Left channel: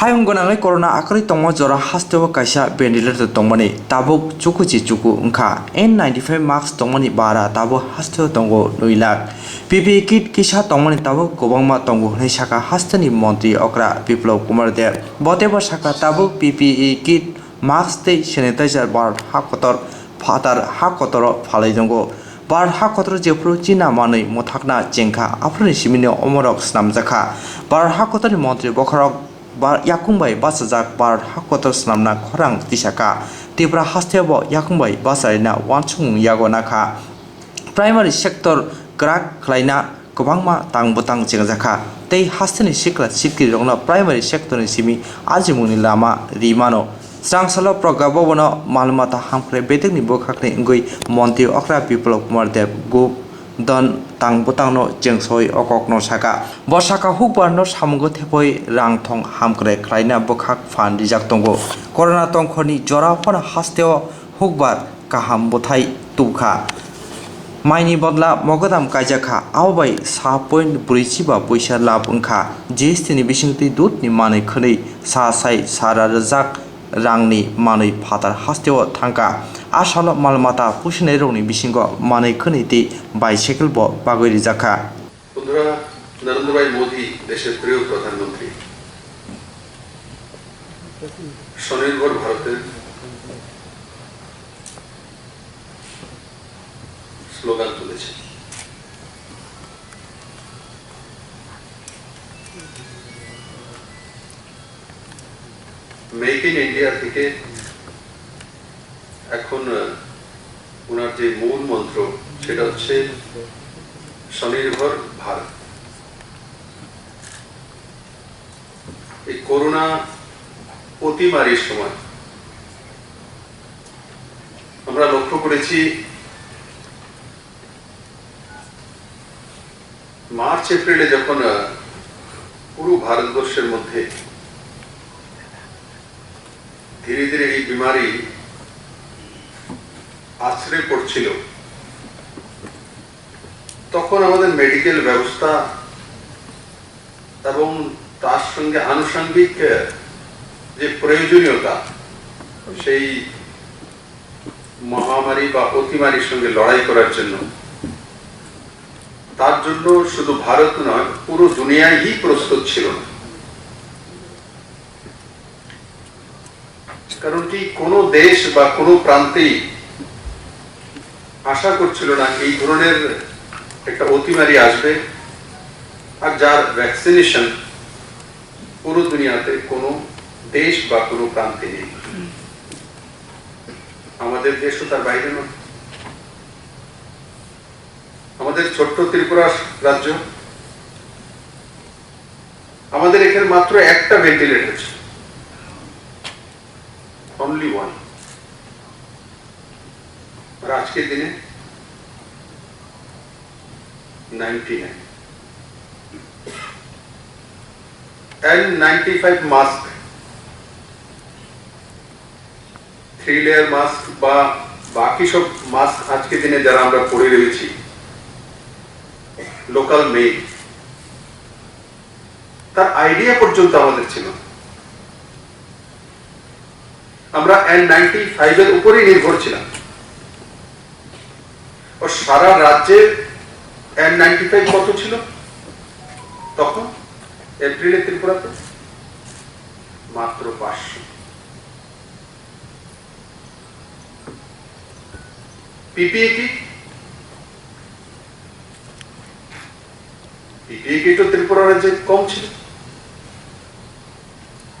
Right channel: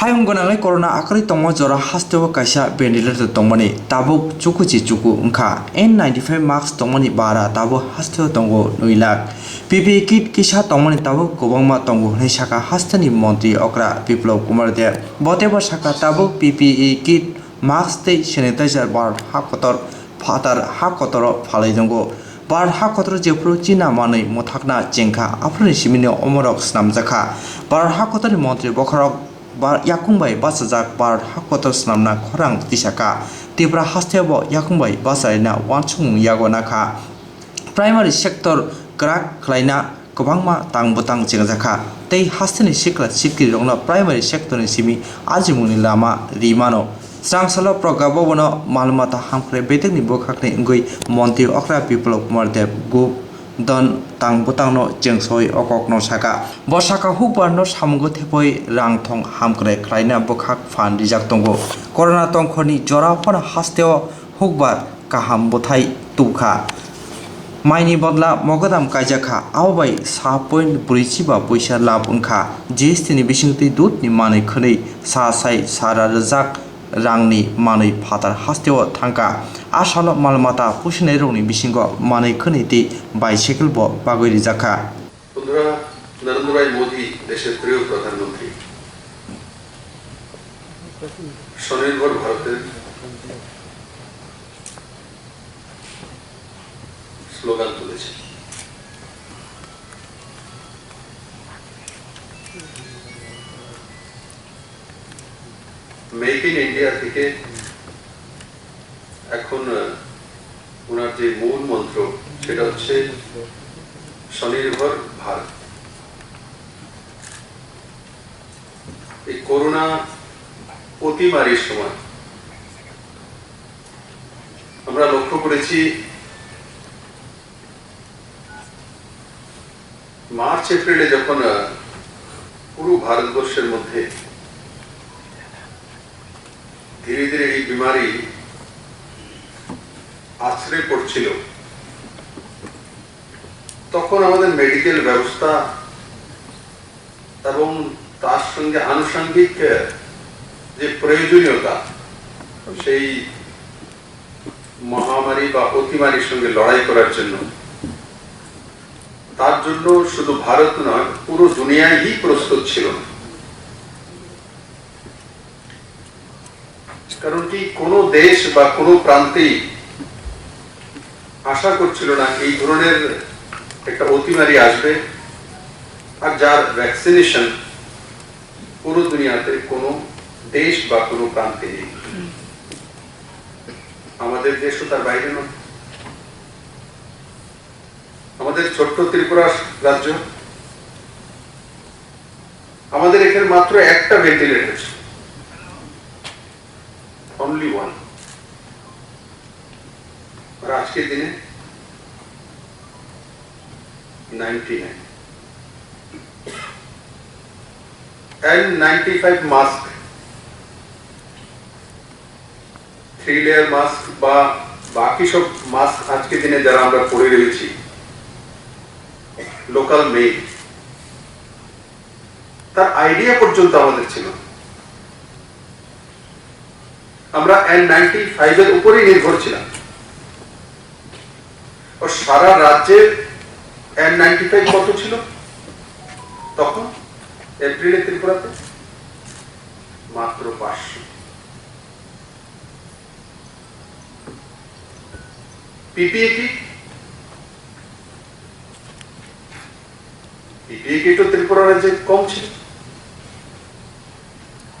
Hayung gonangai corona akari tongmo jora hastewa kaisa ventilator tongmani tabuk chuku ungkha N95 mask tongmani bara tabo hastewa tongo nuilak PPE kit kisa tongmani tabuk kobangma tongo nei saka hasteni mantri okra Biplab Kr de boteba saka tabuk PPE kit mask tei sanitizer bar hakotor fatar hakotor phalai tongo bar hakotor jepro china manai mothakna jengkha afroni simini omorok snamjakha bar hakotor mantri bokharok bar yakungbai basajak bar hakotor snamna khorang tisaka tibra hastebo yakungbai basarina wansung yagona kha primary sector krak khlaina kobangma tangbwtang chengjakha tei hasteni sikla sikri rongna primary sector ni simi ajimuni lama rimano srangsalo progabo Malmata hamkre bedekni bokhakni ngui monti okra Biplab Kr de Go-dhan Tangbwtang Chengwi okokno saka bosaka hukbar no samungo thepoi rangthong hamkre khlaina bokhak fan rijak tongo corona tongkhoni jora phona hasteo hukbar kaham bothai tukha maini bodla mogodam kaijakha awbai 7.45 paisa lab ungkha GST ni bisingti dut ni manai khonei sa sai sara rwkha rangni manai fatar hasteo thangka asalo Malmata pusinai rongni bisingo manai khonei ti bicycle bo bagoi rijakha বন্ধুরা নরেন্দ্র ভাই মোদি দেশের প্রিয় প্রধানমন্ত্রী স্বনির্ভর ভারতের স্লোগান তুলেছে make in India থেকে এখন ওনার যে মূল মন্ত্র সেটা হচ্ছে স্বনির্ভর ভারত। এই করোনা অতিমারীর সময় আমরা লক্ষ্য করেছি মার্চ এপ্রিলে যখন পুরো ভারতবর্ষের মধ্যে ধীরে ধীরে এই বিমারি আছড়ে পড়ছিল তখন আমাদের মেডিকেল ব্যবস্থা এবং তার সঙ্গে আনুষঙ্গিক যে প্রয়োজনীয়তা সেই মহামারী বা অতিমারীর সঙ্গে লড়াই করার জন্য তার জন্য শুধু ভারত নয় পুরো দুনিয়ায় প্রস্তুত ছিল না। কারণ কি কোনো দেশ বা কোনো প্রান্তেই আশা করছিল না এই ধরনের একটা অতিমারী আসবে আর যার ভ্যাকসিনেশন পুরো দুনিয়াতে কোনো দেশ বা কোনো প্রান্তে নেই, আমাদের দেশও তার বাইরে নয়। আমাদের ছোট্ট ত্রিপুরা রাজ্য, আমাদের এখানে মাত্র একটা ভেন্টিলেটর ছিল, অনলি ওয়ান। আর আজকের দিনে 99 N95 মাস্ক, 3 লেয়ার মাস্ক বা বাকি সব মাস্ক আজকের দিনে যারা আমরা পরে রয়েছি লোকাল মেড, তার আইডিয়া পর্যন্ত আমাদের ছিল। আমরা N95 এর উপরেই নির্ভর ছিলাম। ও সারা রাজ্যের N95 কত ছিল তখন এপ্রিলে ত্রিপুরাতে? মাত্র 500। পিপিই কিট ত্রিপুরা রাজ্যে কম ছিল।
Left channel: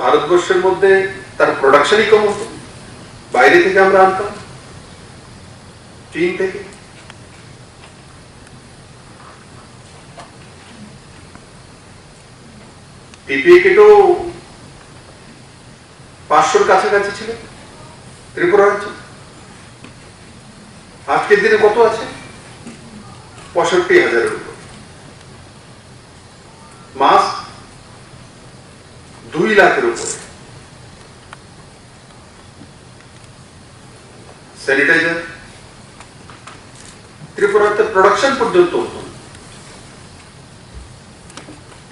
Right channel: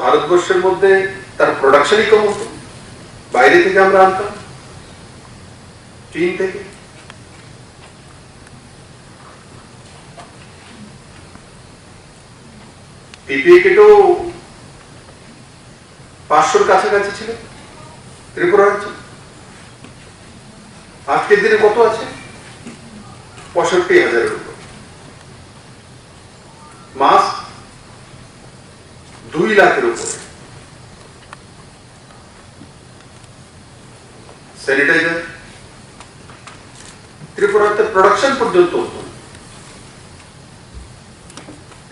ভারতবর্ষের মধ্যে তার প্রোডাকশনই কম হতো, বাইরে থেকে আমরা আনতাম, চীন থেকে। পিপিই কিটও 500-র কাছাকাছি ছিল ত্রিপুরা রাজ্যে। আজকের দিনে কত আছে? 65,000-এর উপর। মাস্ক 2 লাখের উপরে, স্যানিটাইজার ত্রিপুরাতে প্রোডাকশন পর্যন্ত হতো।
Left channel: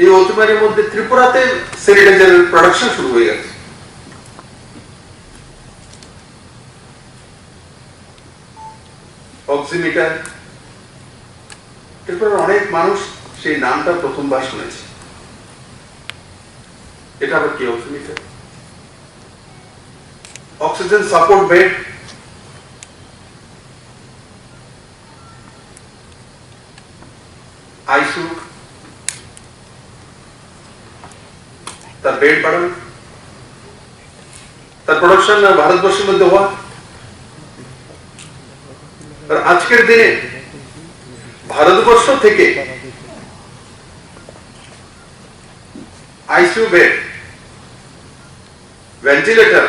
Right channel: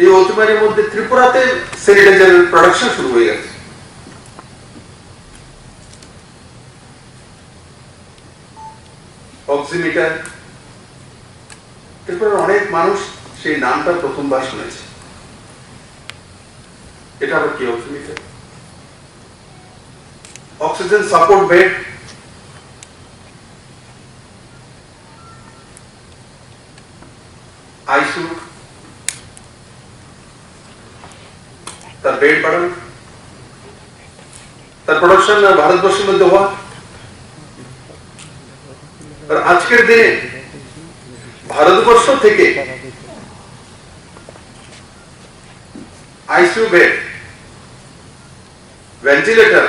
এই অতিমারির মধ্যে ত্রিপুরাতে স্যানিটাইজারের প্রোডাকশন শুরু হয়ে অক্সিমিটার। এরপর অনেক মানুষ সেই নামটা প্রথমবার শুনেছে। এটা আবার কি oximeter? Oxygen support bed, ICU, তার বেড বাড়ানো, তার প্রোডাকশন ভারতবর্ষের মধ্যে হওয়া। আর আজকের দিনে ভারতবর্ষ থেকে ICU bed, ventilator,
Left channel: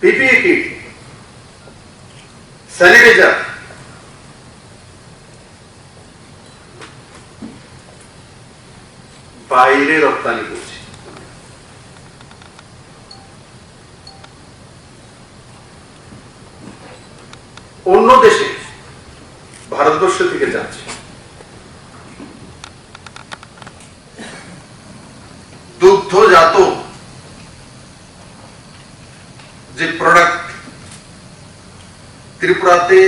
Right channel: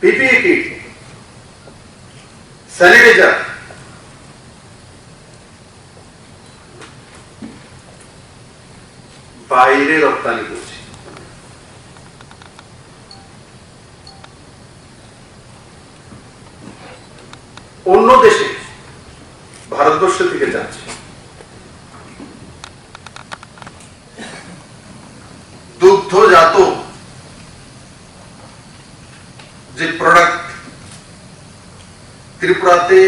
PPE kit, sanitiser বাইরে রপ্তানি করছে। অন্য দেশে ভারতবর্ষ থেকে যাচ্ছে। দুগ্ধজাত যে প্রোডাক্ট ত্রিপুরাতে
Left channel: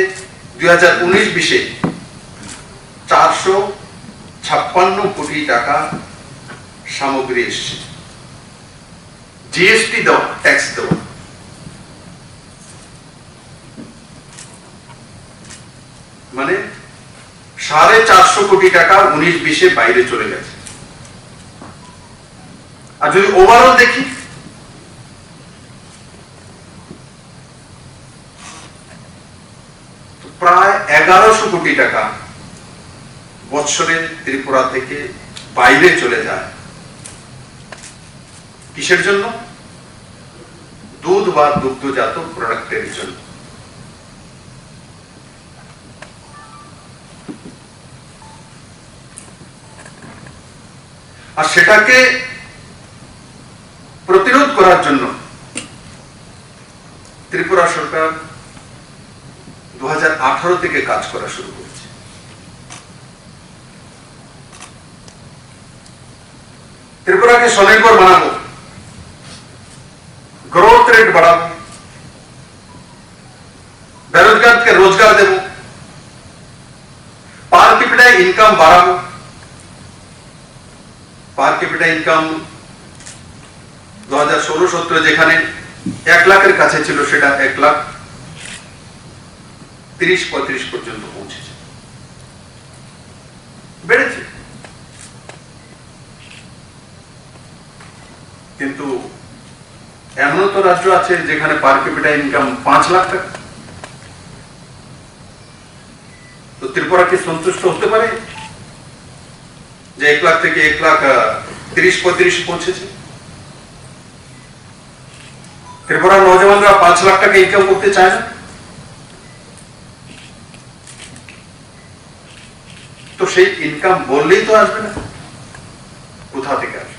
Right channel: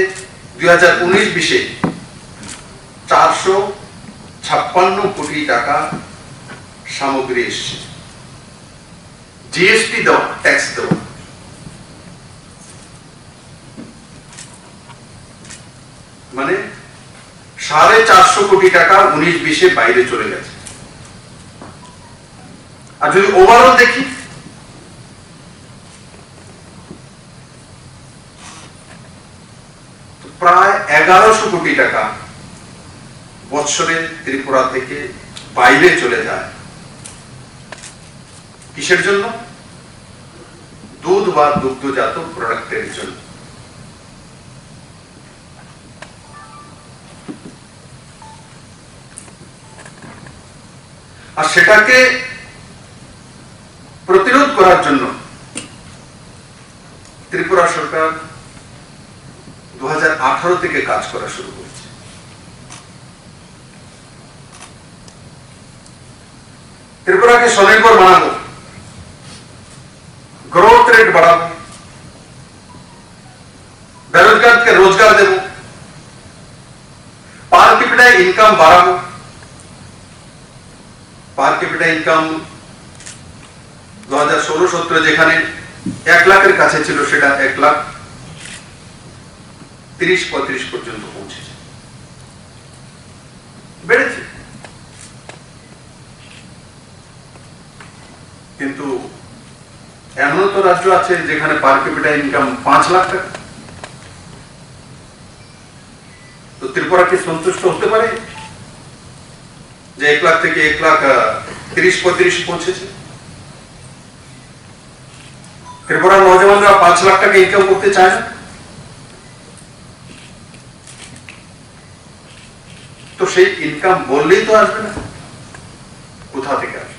2019-20 456 কোটি টাকা সামগ্রী এসছে, জিএসটি দেওয়া, ট্যাক্স দেওয়া। মানে 450 কোটি টাকা 19-20 বাইরে চলে গেছে। আর যদি ওভারঅল দেখি, প্রায় 1100 কোটি টাকা বছরে ত্রিপুরা থেকে বাইরে চলে যায়। কিসের জন্য? দুধ বা দুগ্ধজাত প্রোডাক্টের জন্য। আর সেটাকে প্রতিরোধ করার জন্য ত্রিপুরা সরকার 2018 থেকে কাজ করা শুরু করেছে। ত্রিপুরাকে স্বনির্ভর বানাবো, গ্রোথ রেট বাড়াবো, বেরোজগারকে রোজগার দেব, পার ক্যাপিটা ইনকাম বাড়াবো। পার ক্যাপিটা ইনকাম 2016-17 যেখানে 1 লাখের কাছে ছিল, সেটা 1,30,35 পর্যন্ত পৌঁছেছে, বেড়েছে। কিন্তু এমন তো রাজ্য আছে যেখানে পার ক্যাপিটা ইনকাম 5 লাখ টাকা। তো ত্রিপুরা কি সন্তুষ্ট হতে পারে যে 1 লাখ থেকে 1,30,35 পৌঁছেছে? ত্রিপুরার নৌজওয়ানরা 5 লাখ টাকা ইনকাম করতে চায় না। তো সেই ইনকাম বললেই তো আসবে না, কোথা থেকে আসবে?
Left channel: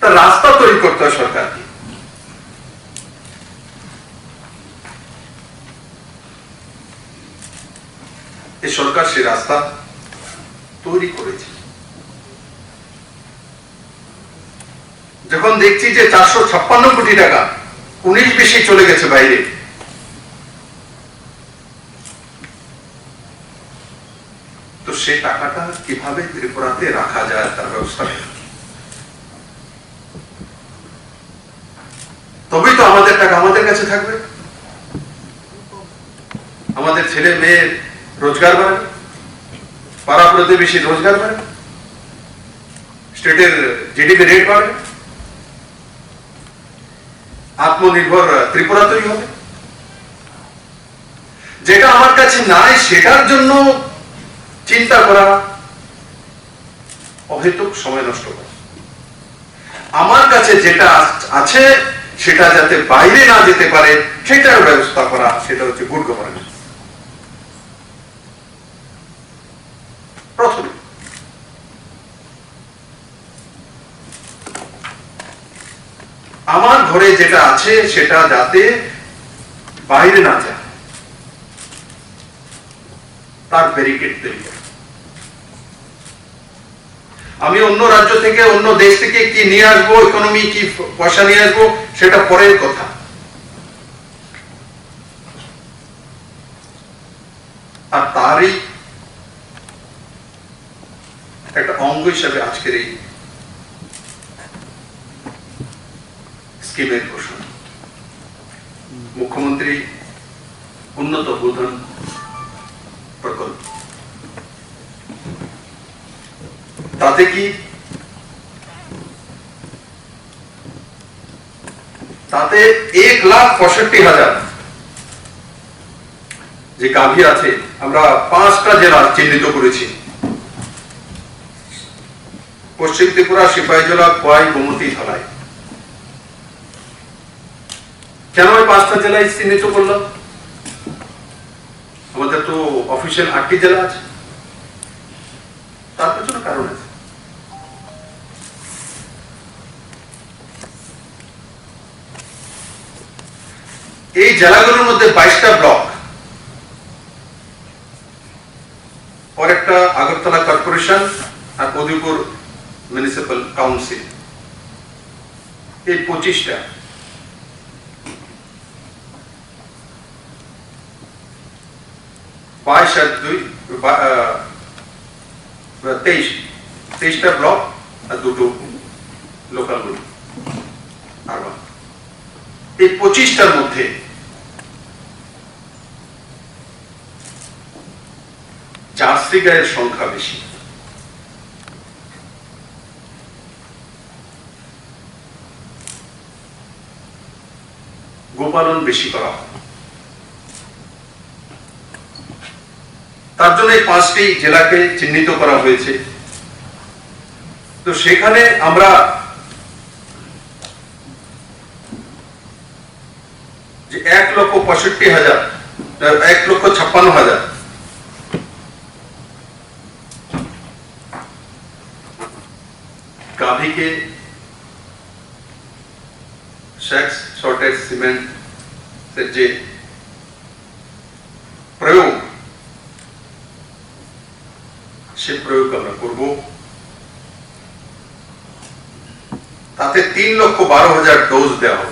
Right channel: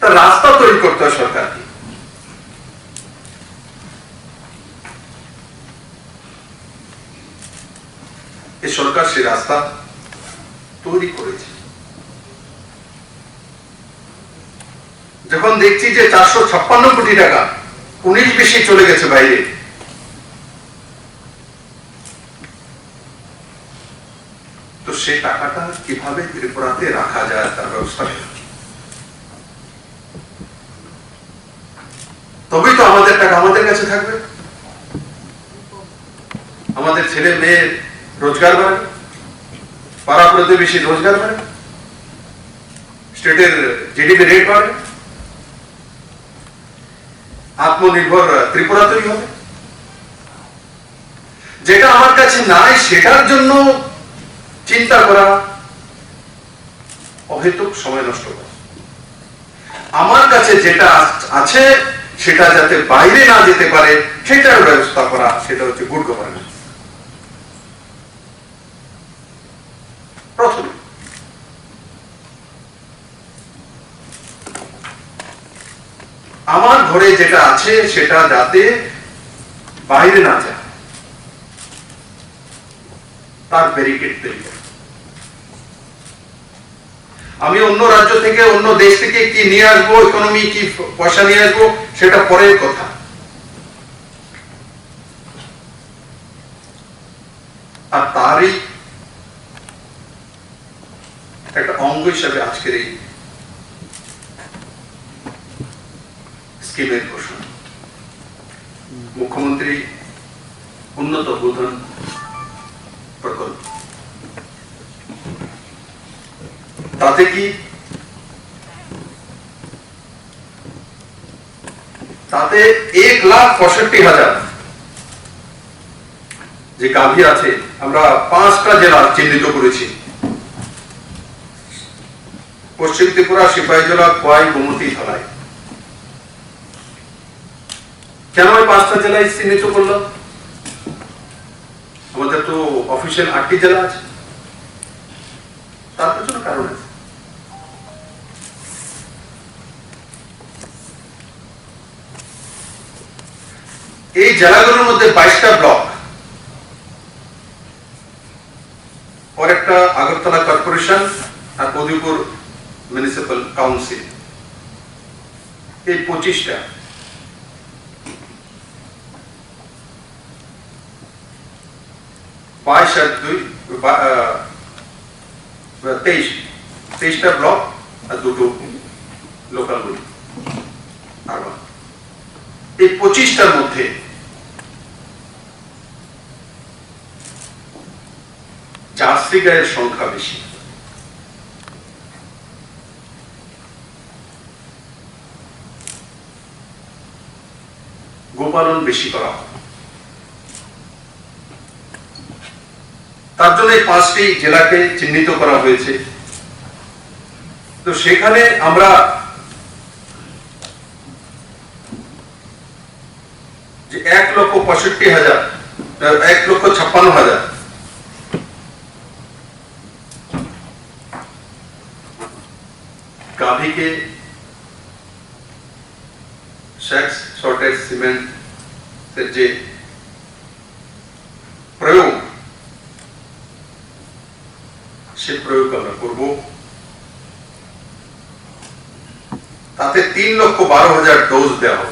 তার রাস্তা তৈরি করতে হয় সরকারকে। এই সরকার সেই রাস্তা তৈরি করেছে। যখন দেখছি যে 456 কোটি টাকা 19-20 চলে গেছে বাইরে, তো সেই টাকাটা কিভাবে ত্রিপুরাতে রাখা যায় তার ব্যবস্থা, তবেই তো আমাদের টাকা আমাদের কাছে থাকবে, আমাদের ছেলে মেয়ের রোজগার বাড়বে, পাড়া প্রতিবেশী রোজগার বাড়বে, স্টেটের জিডিপি রেট বাড়বে, আত্মনির্ভর ত্রিপুরা তৈরি হবে। যেটা আমার কাছে নাই সেটার জন্য চিন্তা করা অহেতুক সময় নষ্ট করা। আমার কাছে যেটা আছে সেটা যাতে বাইরে না যেতে পারে সেটার ব্যবস্থা করা, সেটা হচ্ছে গুড গভর্নেন্স। প্রথমে আমার ঘরে যেটা আছে সেটা যাতে বাইরে না যায় তার ব্যারিকেড তৈরি করা। আমি অন্য রাজ্য থেকে, অন্য দেশ থেকে কি নিয়ে আসবো, ইকোনমি কি পয়সা নিয়ে আসবো, সেটা পরের কথা। অঙ্গ হিসাবে আজকের এই স্কিমের ঘোষণা। মুখ্যমন্ত্রী উন্নত গোধন প্রকল্প, তাতে কি তাতে 1,65,000 যে গাভী আছে, আমরা 5টা জেলা চিহ্নিত করেছি, পশ্চিম ত্রিপুরা, সিপাহীজলা, খোয়াই, গোমতী, ধলাই। কেন এই 5টা জেলায় চিহ্নিত করলাম? আমাদের তো অফিসিয়াল 8টি জেলা আছে, তার পেছনে কারণ আছে। এই জেলাগুলোর মধ্যে 22টা ব্লক, और একটা আগরতলা কর্পোরেশন আর উদয়পুর মিউনিসিপাল কাউন্সিল, এই 25টা। বাইশ আর 2 23টা ব্লক আর 2টো লোকাল বডি আরবান। এই 25টার মধ্যে জার্সি গায়ের সংখ্যা বেশি, গোপালন বেশি করা হয়। তার জন্য এই 5টি জেলাকে চিহ্নিত করা হয়েছে। তো সেখানে আমরা যে 1,65,000 1,56,000 গাভীকে সেক্স শর্টেজ সিমেন্ট যে প্রয়োগ, সে প্রয়োগ আমরা করব। তাতে 3,12,000 ডোজ দেওয়া হবে।